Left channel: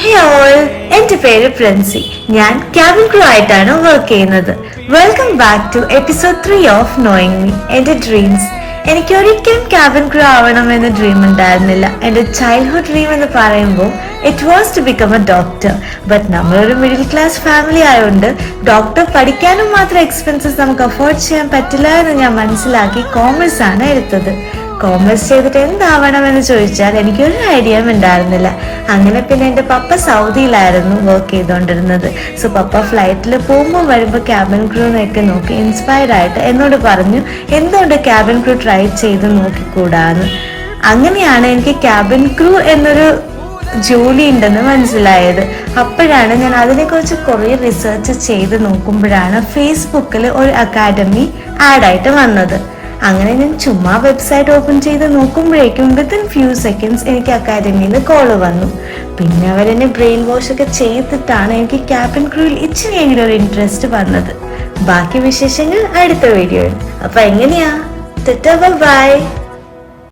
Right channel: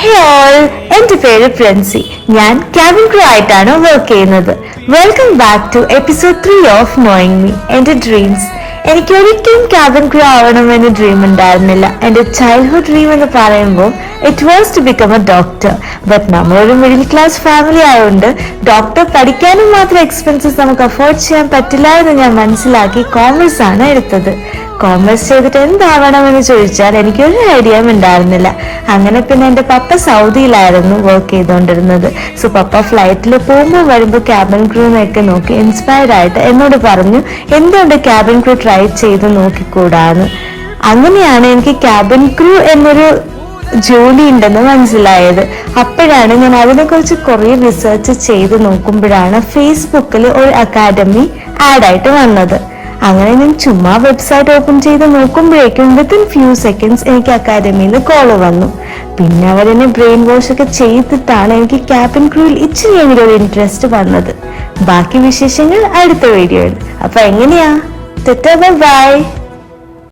ഹേ all, എന്റെ പേര് പ്രിൻസി. ഞാൻ ക്യാബിൻ ക്രൂ ആയിട്ടാണ് വർക്ക് ചെയ്യുന്നത്. Welcome back to episode 3 of knowing me, എന്റെ ഡ്രീംസ്. എനിക്ക് ഒരിക്കലും ക്യാബിൻ ക്രൂ ആവണമെന്ന് ഡ്രീം ഉണ്ടായിരുന്നില്ല. എന്റെ ചൈൽഡ്ഹുഡ് ഡ്രീം എന്ന് പറയുമ്പോൾ it was to become a doctor. But നമ്മളൊരു മിഡിൽ ക്ലാസ് ഫാമിലി ആയതുകൊണ്ട് ഡോക്ടർ പഠിക്കാനും മാത്രം എക്സ്പെൻസസ് നമുക്ക് അഫോർഡ് ചെയ്യാൻ പറ്റില്ല എന്ന് ഞാൻ മനസ്സിലാക്കി കോമേഴ്സ് ആണ് എടുത്തത്. കോമേഴ്സ് ചെയ്തിട്ട് എന്താവണമെന്ന് ചോദിച്ചാൽ എനിക്കൊരു ഐഡിയ ഉണ്ടായിരുന്നില്ല. അങ്ങനെ പിന്നെ എന്റെ പപ്പ സൗദിയിലായിരുന്നു വർക്ക് ചെയ്തുകൊണ്ടിരുന്നത്. സോ പപ്പ ഫ്ലൈറ്റിൽ പോകുമ്പോൾ വരുമ്പോൾ ക്യാബിൻ ക്രൂവിനെയൊക്കെ നോക്കി ഇൻസ്പയർഡ് ആയിട്ട് എന്നോട് പറഞ്ഞു എന്തുകൊണ്ട് ക്യാബിൻ ക്രൂ ട്രൈ ചെയ്ത് നോക്കിക്കൂടാന്ന്. അങ്ങനെയാണ് എനിക്ക് ക്യാബിൻ ക്രൂ എന്നൊരു ജോലി ഉണ്ടെന്ന് മനസ്സിലായത്. അപ്പോഴാണ് ഞാൻ അതിനെ കുറിച്ച് കുറെ റിസർച്ച് ചെയ്ത് നോക്കുമ്പോഴാണ് ഫേസ്ബുക്കിൽ ഒരു അക്കാഡമി ആഡായിട്ട് വന്നത്. അങ്ങനെ ഞാൻ ചുമ്മാ വെബ്സൈറ്റ് ഓപ്പൺ ചെയ്ത് നോക്കുമ്പോഴേക്കും വിത്തിൻ ഫ്യൂ സെക്കൻഡ്സ് എനിക്ക് അക്കാഡമിയിൽ കോൾ വന്നു. പിന്നെ അവരെന്നെ ബ്രെയിൻ വാഷ് ഒക്കെ ചെയ്തിട്ടാണ് എനിക്ക് ക്യാബിൻ ക്രൂവിൽ ഇച്ചിരിയെങ്കിലും ഒരു ഇൻട്രസ്റ്റ് വന്നത്. ബാക്കി വിശേഷങ്ങൾ അടുത്ത വീഡിയോയിൽ. അപ്പൊ എങ്ങനെയാ? ബൈ.